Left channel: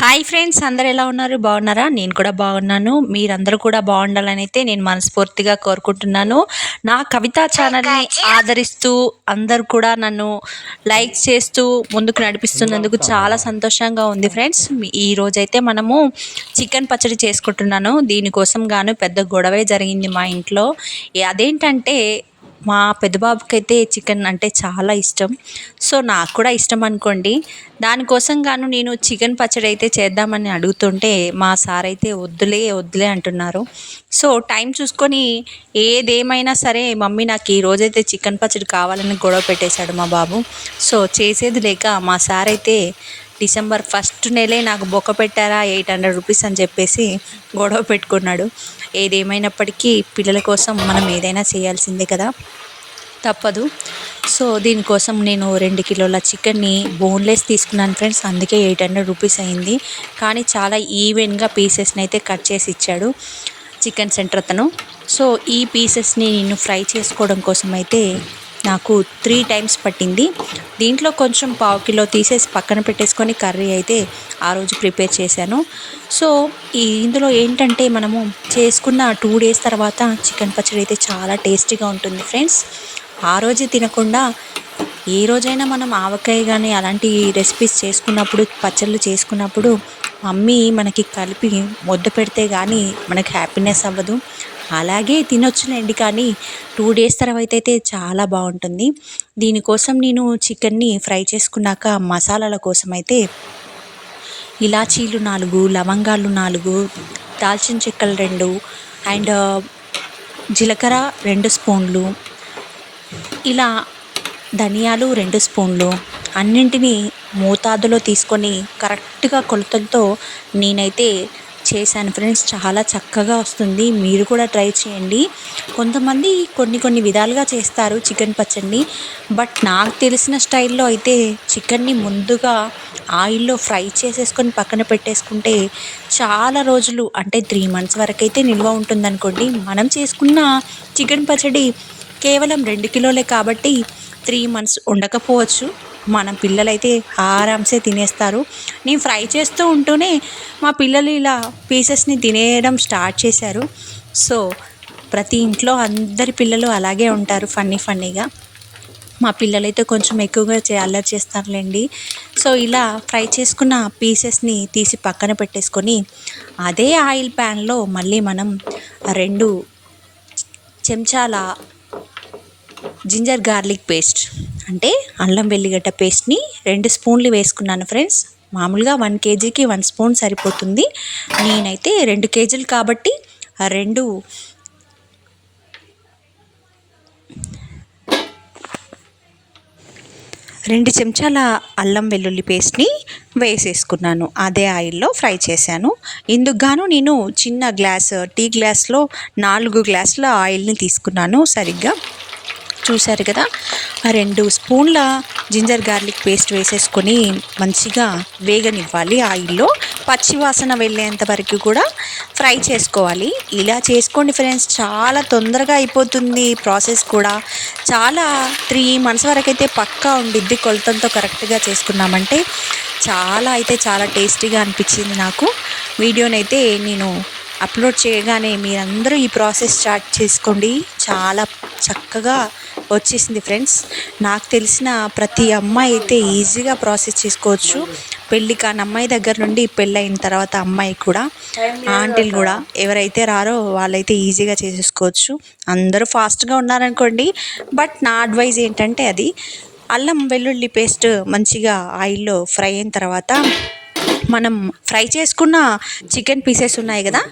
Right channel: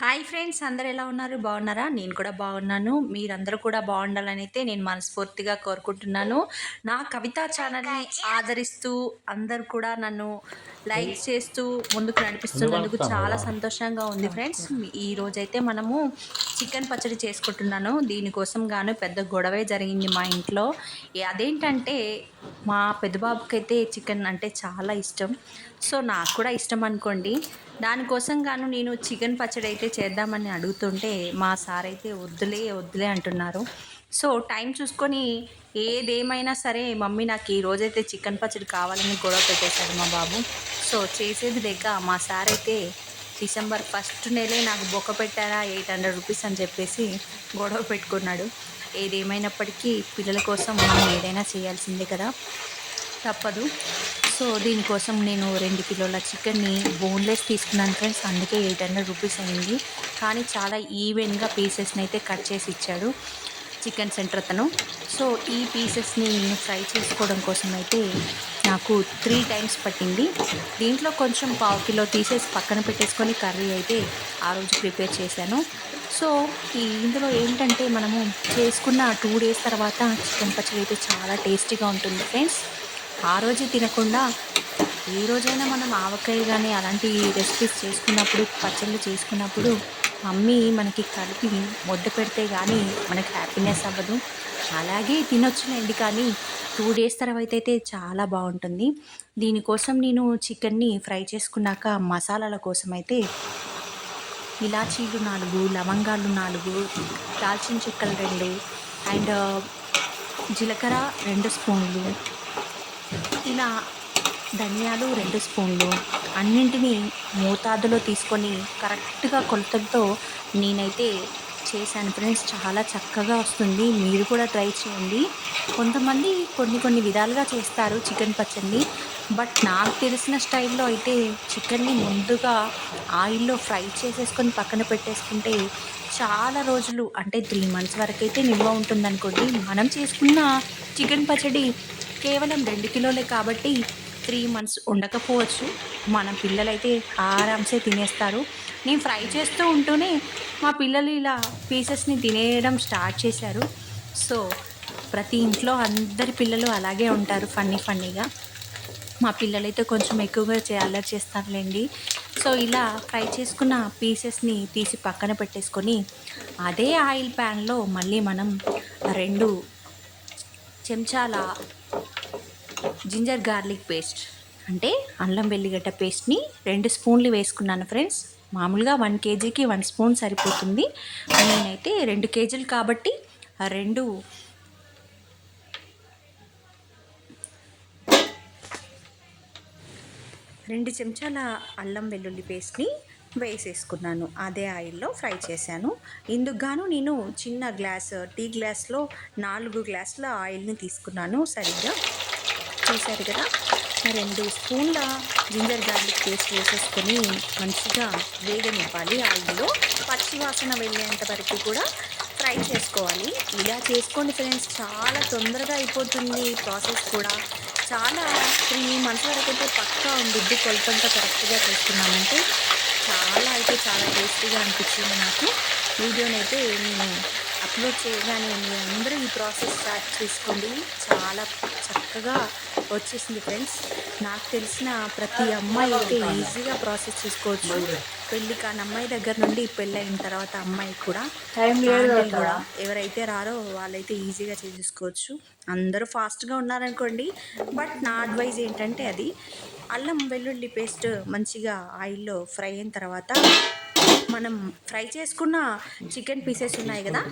Hi friends అందరు ఎలా ఉన్నారు? బాగున్నారా? నేను కూడా బాగున్నాను. మీరందరూ కూడా బాగుండాలని అయితే నేను మనస్ఫూర్తిగా కోరుకుంటున్నాను. నా కవితా ఛానల్ని ఆదరిస్తూ అందరు కూడా నన్ను లైక్ చేస్తూ ముందుకు నడిపిస్తున్నందుకు చాలా సంతోషంగా ఉంది ఫ్రెండ్స్. ఈ రోజైతే మనము చికెన్ పచ్చడి చేసుకుంటున్నాను. దీనికోసం గాను పెద్ద గొడవే జరిగింది మా ఇంట్లో. అదేంటంటే మా పెద్దబాబుకి అయితే చికెన్ అంటే చాలా ఇష్టం. సో నాకు కూడా ఇష్టం అనుకోండి. దానికోసం గాను నేను చికెన్ పచ్చడి అయితే చేద్దామని అడుగుతుంటే మా సార్ అయితే వద్దులే వద్దులే అంటున్నారు. సో టైం చూసుకొని ఏదేమైనా సరే మమ్మీ నాకు ఈ రోజైతే చికెన్ పచ్చడి కావాలని గొడవ పెట్టేశాడు మా బాబు. సో చేసేది లేక మా సార్ అయితే డిసెంబర్ ఫస్ట్ నెలే నాకు బొక్క పెట్టారా ఎయిట్ హండ్రెడ్ రూపీస్ అని చెప్పేసి గొడవ పెట్టుకున్నాడు. ఏదేమైనప్పటికీ పిల్లల కోసం మనం ఏదైనా చేయాల్సిందే కదా? తప్పదు. సో దీనికోసం నేను రెండు కిలోల చికెన్ని బోన్లెస్ తీసుకున్నాను ఫ్రెండ్స్. అందుకే ఎయిట్ హండ్రెడ్ రూపీస్ అయింది. కానీ చాలా ఈవెన్గా పీసెస్ని అయితే కట్ చేసి ఇచ్చాడు చికెన్ సెంటర్ అతను. సో ఈ పీసెస్ని నేను ఫ్రై చేసుకోవడం కోసం అయితే నాకు త్రీ టైమ్స్ పట్టింది. దీంట్లో కొంచెం పావు కిలో తీసేసి పక్కన పెట్టేసుకొని కర్రీ అయితే ఆ రోజు ప్రిపేర్ చేశాను. సో ఈ ఇందులో ఏంటంటే మనము చేసుకున్న టూ డేస్ తర్వాత చికెన్ పచ్చడి అయితే చాలా టేస్టీగా ఉంటుంది ఫ్రెండ్స్. ఆ రోజు తినకుండా ఏ రోజైనా మనం ఆవకాయ కానీ అలాంటి రెసిపీస్ చేసుకున్నప్పుడు పచ్చళ్ళు చేసుకున్నప్పుడు మమ్మీ మనకి కలిపి ముద్ద పెడితే కానీ మనకి హ్యాపీనెస్ అవ్వదు. అలాగే తినొచ్చులేండి కానీ టూ డేస్ తర్వాత అయితే చాలా బాగుంటుంది. దీనికోసం నేను చికెన్ని ఫ్రై చేసుకున్నాక మసాలాల కోసం అయితే ఇలాచీలు నాలుగు లవంగాలు నాలుగు దాల్చిన చెక్కలు రెండు అండ్ జీలకర్ర రెండు స్పూన్లు ఇలా ధనియాలు రెండు స్పూన్లు అన్నింటినీ మోతాదులో తీసుకొని కరెక్ట్గా కొలతలతో నేనైతే చేశాను ఫ్రెండ్స్ చాలా చక్కగా వస్తుంది. మీరు కూడా ట్రై చేయండి. కొంతమంది కొన్ని కొన్ని విధాలుగా చేస్తారు చికెన్ పచ్చడిని బట్ నాకు తెలిసిన స్టైల్లో అయితే చికెన్ని ముందుగా ఆయిల్లో ఫ్రై చేసేసుకొని పక్కన పెట్టేసుకుంటే చాలా రోజులు అంటే త్రీ మంత్స్ వరకు అయితే నిల్వ ఉంటుందనుకోండి. మనం చేసుకున్న చికెన్ పచ్చడి కేవలం రెండు కిలోలే కాబట్టి త్రీ మంత్స్ ఉండకపోవచ్చు. మన పిల్లలైతే ఆరామ్సే తినేస్తారు. నేను ఫ్రై చేస్తూ ఉంటూనే మా పిల్లలు ఇలా పీసెస్ని తినేయడం స్టార్ట్ చేశారు. సో ప్రతి ఇంట్లో అందరి పిల్లలు అలాగే ఉంటారు ఫన్నీ ఫన్నీగా. మా పిల్లలైతే కొంచెం ఎక్కువగా చే అల్లరి చేస్తారులేండి. సో ఇలా ఫ్రై చేసుకున్న పీసెస్ని తీసి పక్కన పెట్టేసుకొని అదే ఆయిల్ ప్యాన్లో మళ్ళీ మనం రెండు చెంచాల జింజర్ గార్లిక్ పేస్ట్ అంటే అల్లం వెల్లిగడ్డ పేస్ట్ని రెండు స్పూన్లు వేసుకున్నాను ఫ్రెండ్స్. మామూలుగా వన్ కేజీకి వన్ స్పూన్ సరిపోతుంది. నేనైతే రెండు కేజీలు కాబట్టి రెండు రెండు చెంచాల అల్లం వెల్లుల్లి పేస్ట్ని వేసేసుకున్నాను. అదే ఆయిల్లో ఫ్రై చేశాను. ఇందుకు గాను నేను చిన్న గ్లాస్ టీ గ్లాస్లో నాలుగు గ్లాసుల ఆయిల్ని తీసుకున్నాను సరిగ్గా. చూశారు కదా? రెండు స్పూన్ల జింజర్ గార్లిక్ పేస్ట్ వేసేసుకొని మంచిగా వేగనివ్వాలి ఆయిల్లో. పచ్చివాసన వెళ్ళేంత వరకు కూడా ఫ్రై చేసుకోవాలి. ఇలా చేసుకోండి ఫ్రెండ్స్ చాలా తొందరగా అయిపోతుంది ప్రాసెస్ కూడా. చాలా త్రీ మంత్స్ వరకు అయితే పక్కా ఉండిద్ది కొలతంతో కరెక్ట్గా చేసుకున్నామంటే. చాలా అయితే చాలా టేస్టీగా అనిపించింది నాకు. వీడియోనైతే నేను అప్లోడ్ చేయగానే మీరందరూ ఈ ప్రాసెస్ స్టార్ట్ చేసుకోండి. చాలా చక్కగా వచ్చేసింది ఫ్రెండ్స్. నాకు తెలిసిన ప్రతి అమ్మాయి అయితే ఈజీగా ప్రాసెస్ చేసుకోవచ్చు. పెళ్ళి కాని అమ్మాయి దగ్గర నుండి పెళ్ళైన తర్వాత అమ్మాయి కూడా ఆంటీలు కూడా ఎవరైతే రారో వాళ్ళైతే ఈజీగా చేసేసుకోవచ్చు. అందరూ ఫాస్ట్గా ఉన్నారనుకోండి. బట్ నా అడ్వైజ్ ఏంటంటే అది అల్లం వెల్లుల్లి పేస్ట్ మంచిగా ఆయిల్లో ఫ్రై అయిన తర్వాత మనం ఫ్రై చేసుకున్న చికెన్ పీసెస్ ఉన్నాయి కదా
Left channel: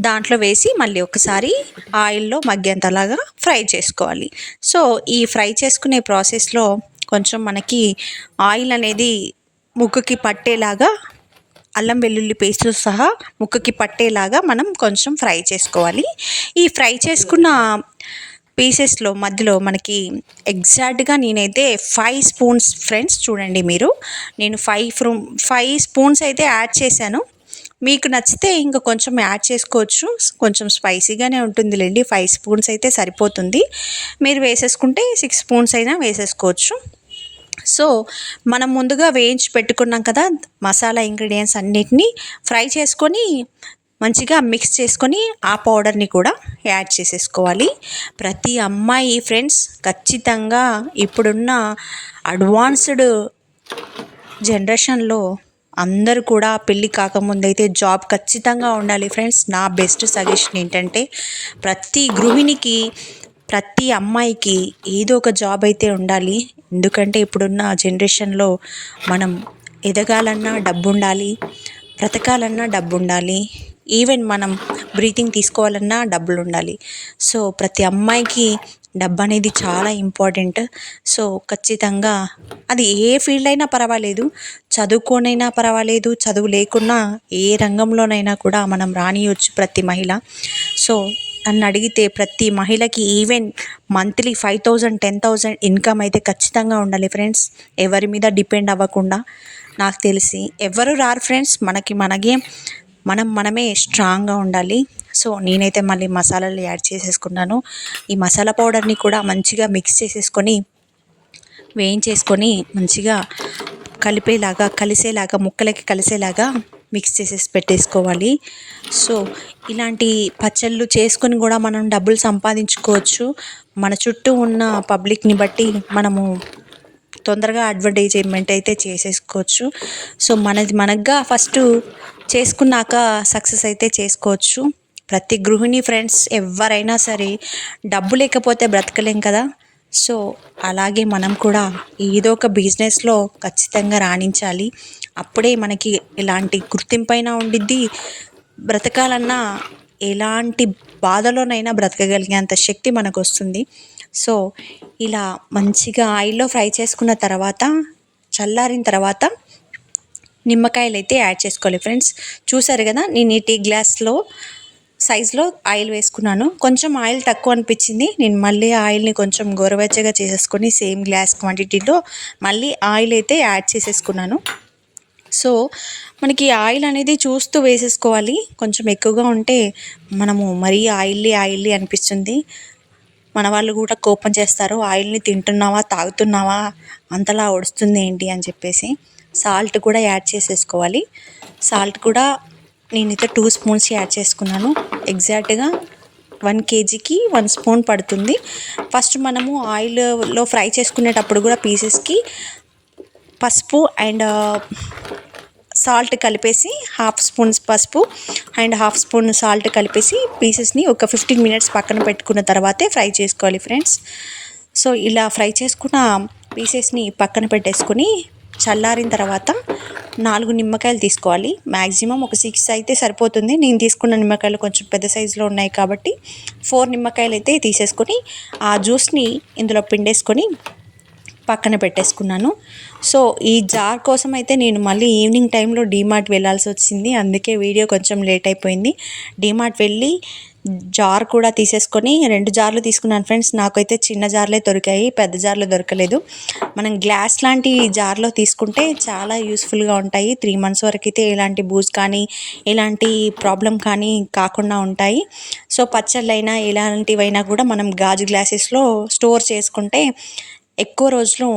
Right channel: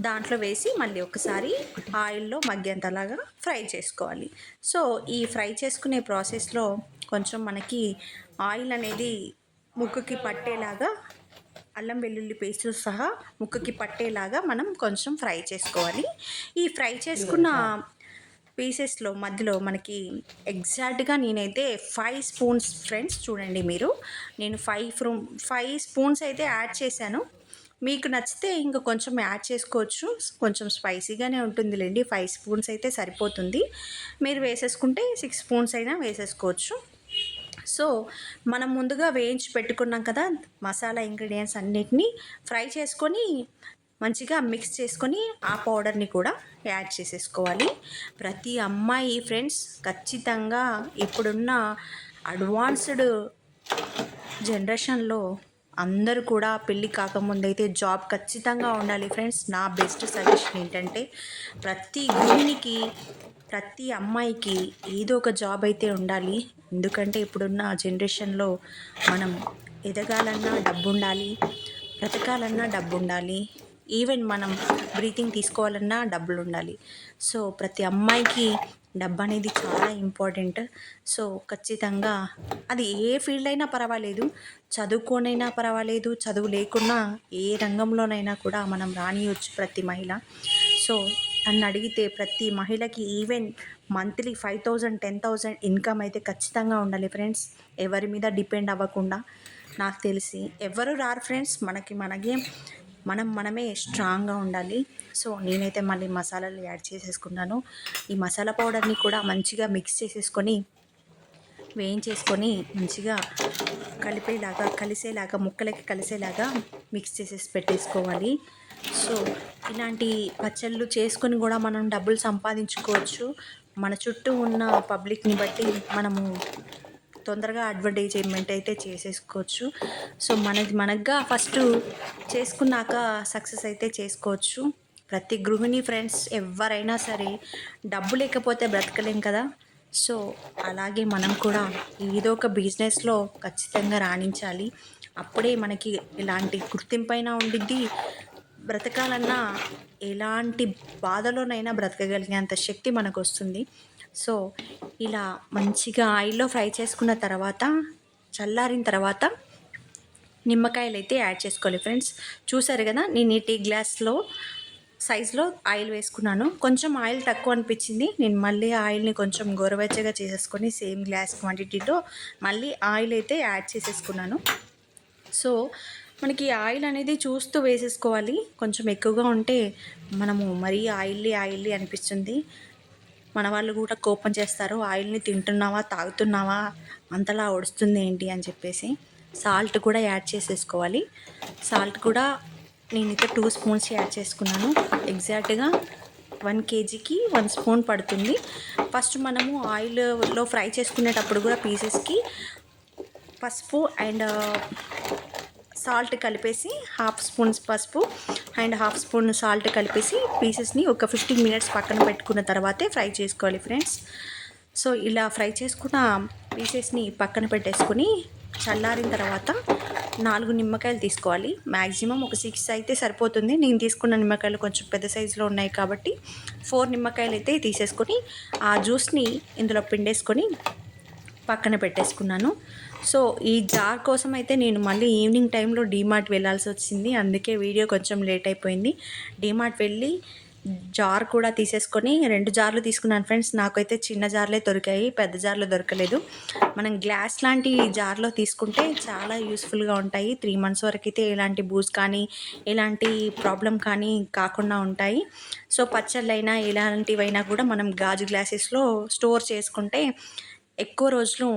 దాంట్లో వేసి మళ్ళీ ఒకసారి ఆయిల్లో మగ్గేంతలాగా ఫ్రై చేసుకోవాలి. సో ఈ ఫ్రై చేసుకునే ప్రాసెస్లో కొంచెం మనకి ఆయిల్ అనేది ముక్కుకి పట్టేలాగా అల్లం వెల్లుల్లి పేస్ట్ సహా ముక్కకి పట్టేలాగా మనం కొంచెం ఫ్రై చేసుకోవాలి. ఈ ఫ్రై చేసుకున్న పీసెస్లో మధ్యలో మనకి ఎగ్జాక్ట్గా నేనైతే ఫైవ్ స్పూన్స్ ఫ్రెండ్స్ చూడండి మీరు. నేను ఫైవ్ ఫ్రూ ఫైవ్ స్పూన్స్ అయితే యాడ్ చేశాను. మీకు నచ్చితే ఇంకా కొంచెం యాడ్ చేసుకోవచ్చు. కొంచెం స్పైసీగానే ఉంటుందిలేండి. ఫైవ్ స్పూన్స్ అయితే సరిపోతుంది. మీరు వేసేసుకుంటే సిక్స్ స్పూన్స్ అయినా వేసేసుకోవచ్చు. సో మనం ముందుగా వేయించి పెట్టుకున్నాం కదా మసాలా ఇంగ్రీడియంట్స్ అన్నిటినీ ఫ్రై చేసుకొని మంచిగా మిక్స్ చేసుకొని ఆ పౌడర్ని కూడా యాడ్ చేసేసుకోవాలి. ప్రతి అమ్మాయి ఫ్రెండ్స్ ఖచ్చితంగా ఇప్పుడున్న అడ్వాన్స్డ్ జనరేషన్లో అందరూ కూడా పెళ్ళి కాకముందైతే జాబ్ ఖచ్చితంగా ఉండాలి ఫ్రెండ్స్ నా బెస్ట్ సజెషన్ ఏంటంటే ప్రతి గృహిణికి ప్రతి అమ్మాయికి ఏదో ఒక జాబ్ అయితే ఉండాలి. ఎందుకంటే ఇప్పుడున్న జనరేషన్లో మనం ఎదగాలన్నా డబ్బు ఉండాలి బ్రతకాలన్నా డబ్బు ఉండాలి ఈవెన్ మనం బ్రీతింగ్ తీసుకోవాలన్నా డబ్బులు ఉండాలి సో ప్రతి అమ్మాయికి డబ్బు అనేది చాలా ఇంపార్టెంట్. సో ఖచ్చితంగా అది ఏ ఫీల్డ్ అయినా పర్వాలేదు. చదువుకోనైనా పర్వాలేదు. చదువు లేకున్నా ఏ రంగంలోనైనా కూడా మనం రానియొచ్చు ప్రతి మహిళ. సో నన్ను అడిగితే ప్రతి మహిళకి even monthly five thousand ten thousand income అయితే ఖచ్చితంగా ఉండాలి ఫ్రెండ్స్. ఎవరి మీద డిపెండ్ అవ్వకుండా. నాకు తెలిసి ఎవరు రారు ఫ్రెండ్స్. మనకి మనకి మనం మనమే స్ట్రాంగ్గా ఉండాలి. సో నేనైతే మళ్ళీ మసాలాలు యాడ్ చేసేసుకున్నాను. ఈ మసాలా పౌడర్ని కూడా మంచిగా మిక్స్ చేసేసుకొని వేయించేసుకొని మంచిగా కలిపేలాగా కలిసేలాగా ముక్కలకి కలిసేలాగా మిక్స్ చేసేసి పెట్టేసుకోవాలి. సో ఇలాంటి పచ్చళ్ళు చేసుకొని కూడా మనం డబ్బులు సంపాదించుకోవచ్చు. మన చుట్టూ ఉన్న పబ్లిక్ని బట్టి మనము తొందరగా అడ్వర్టైజ్మెంట్ అయితే చేసేసుకోవచ్చు. సో మనది మనగా ఫస్ట్ చేసుకున్నాక సక్సెస్ అయితే చేసుకోవచ్చు. ప్రతి గృహిణి ఫ్రెండ్స్ ఎవరైనా సరే డబ్బు లేకపోతే బ్రతకలేం కదా. సో అలాగే మనం కూడా ఏదో ఒక బిజినెస్లో ఖచ్చితంగా రాణించాలి. అప్పుడే మనకి ఎలాంటి గుర్తింపైనా ఉండిద్ది. బ్రతకాలన్నా ఎలాంటి బాధలోనైనా బ్రతకగలిగేంత శక్తి మనకు వస్తుంది సో ఇలా మంచిగా ఆయిల్లో ఫ్రై చేసుకున్న తర్వాత చల్లారిన తర్వాత నిమ్మకాయలు అయితే యాడ్ చేసుకోవాలి ఫ్రెండ్స్. చూసారు కదా నేను ఈ టీ గ్లాస్లో సైజులో ఆయిల్ వేసుకున్నాను. కొంచెం ఆయిల్ తక్కువ అనిపించింది. నేను మళ్ళీ ఆయిల్ని కొంచెం గోరవెచ్చగా చేసేసుకొని సేమ్ గ్లాస్ క్వాంటిటీలో మళ్ళీ ఆయిల్ అయితే యాడ్ చేసేసుకున్నాను. సో మనకి ఆయిల్ అనేది చూస్తూ వేసేసుకోవాలి. కొంచెం ఎక్కువగా ఉంటే మనము మరీ ఆయిల్లీ ఆయిల్లీ అనిపిస్తుంది. మన వాళ్ళు కూడా కోపం చేస్తారు ఆయిల్ని తింటున్నావా తాగుతున్నావా అంతలా ఒడుస్తుంది ఏంటి అని చెప్పేసి సాల్ట్ కూడా యాడ్ చేసేసుకోవాలి. సాల్ట్ కూడా నేనైతే టూ స్పూన్స్ యాడ్ చేసుకున్నాను. ఎగ్జాక్ట్గా వన్ కేజీకి వన్ స్పూన్ పడుతుంది. ఫస్ట్ మనము ఆయిల్లో ఫ్రై చేసుకునేటప్పుడు కూడా పీసెస్కి పసుపు అండ్ సాల్ట్ కలిపేసి హాఫ్ స్పూన్స్ పసుపు అండ్ హాఫ్ స్పూన్ సాల్ట్ కలిపేసి పీసెస్ని ఒక ఫిఫ్టీన్ మినిట్స్ పక్కన పెట్టుకున్న తర్వాతే ఫ్రై చేసుకోవాలి ఫ్రెండ్స్. సో ఇలా ఫ్రై చేసుకున్న పీసెస్ని పక్కన పెట్టేసుకొని చల్లారిన తర్వాత నాలుగు నిమ్మకాయలు తీసుకోవాలి. మ్యాక్సిమం ఒక సిక్స్ అయితే సరిపోతుంది. నేను తీసుకున్న నిమ్మకాయలు కొంచెం పెద్ద సైజులో ఉన్నాయి కాబట్టి ఫోర్ నిమ్మకాయలు అయితే తీసేసుకొని ఆ జ్యూస్ని ఇందులో పిండేసుకొని పక్కన పెట్టేసుకున్నాను. సో ఈ జార్ కోసం అయితే నేను మళ్ళీ ఈవినింగ్ టైంలో డీమార్ట్ వెళ్ళాల్సి వచ్చింది. అందుకే వీడియో కొంచెం లేట్ అయిపోయింది. డీమార్ట్ వెళ్ళి జార్ కూడా తీసేసుకొని రెండు జార్లు తీసుకున్నాను ఫ్రెండ్స్. నాకైతే చిన్న జార్లే దొరికాయి పెద్ద జార్లు దొరకలేదు. మనం గ్లాస్ లాంటి జార్లో తీసుకుంటే చాలా యూస్ఫుల్గా ఉంటాయి. త్రీ మంత్స్ వరకు అయితే ఎలాంటి బూజ్ కానీ ఎలాంటి ప్రాబ్లం కానీ కాకుండా ఉంటాయి. సో పచ్చళ్ళైనా ఎలాంటివైనా కూడా మనం గాజు గ్లాసెస్లో స్టోర్ చేసుకుంటే ఎక్కువ రోజులు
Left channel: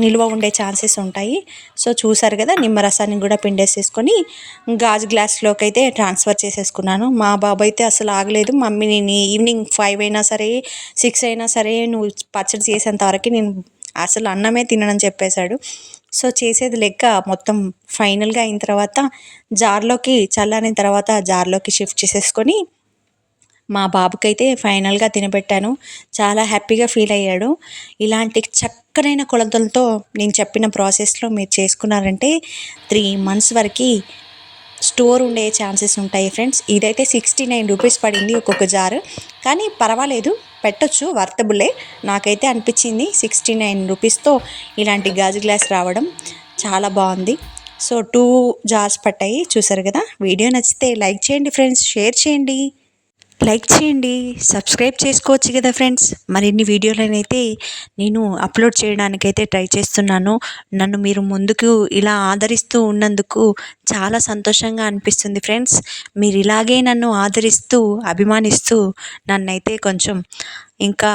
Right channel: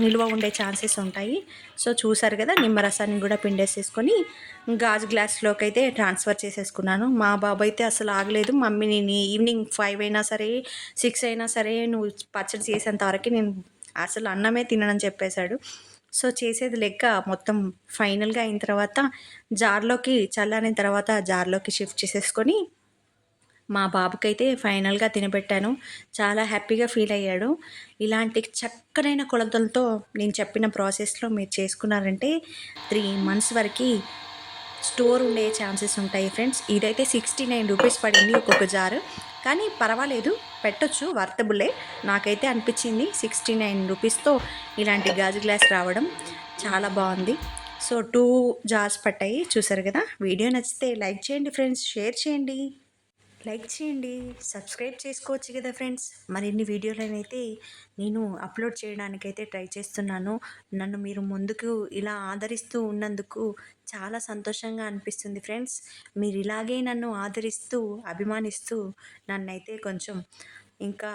నిల్వ ఉండే ఛాన్సెస్ ఉంటాయి. సో చూసారు కదా నిమ్మరసాన్ని కూడా పిండేసేసుకొని గాజు గ్లాస్లోకి అయితే ట్రాన్స్ఫర్ చేసేసుకున్నాను. మా బాబు అయితే అసలు ఆగలేదు. మమ్మీ నేను ఈవినింగ్ ఫైవ్ అయినా సరే సిక్స్ అయినా సరే నువ్వు పచ్చడి చేసేంత వరకు నేను అసలు అన్నమే తినని చెప్పేశాడు. సో చేసేది లెక్క మొత్తం ఫైనల్గా అయిన తర్వాత జార్లోకి చల్లారిన తర్వాత జార్లోకి షిఫ్ట్ చేసేసుకొని మా బాబుకైతే ఫైనల్గా తినబెట్టాను చాలా హ్యాపీగా ఫీల్ అయ్యాడు. ఇలాంటి చక్కనైన కొలతలతో నేను చెప్పిన ప్రాసెస్లో మీరు చేసుకున్నారంటే త్రీ మంత్స్ వరకు స్టోర్ ఉండే ఛాన్సెస్ ఉంటాయి ఫ్రెండ్స్. ఇదైతే సిక్స్టీ నైన్ రూపీస్ పడింది ఒక్కొక్క జారు. కానీ పర్వాలేదు పెట్టొచ్చు వర్తబులే. నాకైతే అనిపించింది సిక్స్టీ నైన్ రూపీస్తో ఇలాంటి గాజు గ్లాస్ రావడం చాలా బాగుంది. సో టూ జార్స్ పట్టాయి. చూసారు కదా? వీడియో నచ్చితే లైక్ చేయండి ఫ్రెండ్స్. షేర్ చేయండి. లైక్ చేయండి సబ్స్క్రైబ్ చేసుకోవచ్చు కదా ఫ్రెండ్స్. మరిన్ని వీడియోలనైతే నేను అప్లోడ్ చేయడానికైతే ట్రై చేస్తున్నాను. నన్ను మీరు ముందుకు ఇలా ఆదరిస్తూ ఉన్నందుకు చాలా సంతోషంగా అనిపిస్తుంది ఫ్రెండ్స్. మీరు ఇలాగే నన్ను ఆదరిస్తూ అభిమానిస్తూ నన్నైతే కొంచెం ఇంకా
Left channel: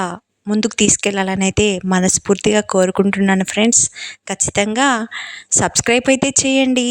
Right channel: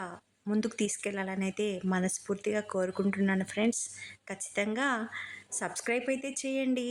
ముందుకు తీసుకెళ్ళాలని అయితే మనస్ఫూర్తిగా కోరుకుంటున్నాను ఫ్రెండ్స్. ఖచ్చితంగా సబ్స్క్రైబ్ అయితే చేయండి.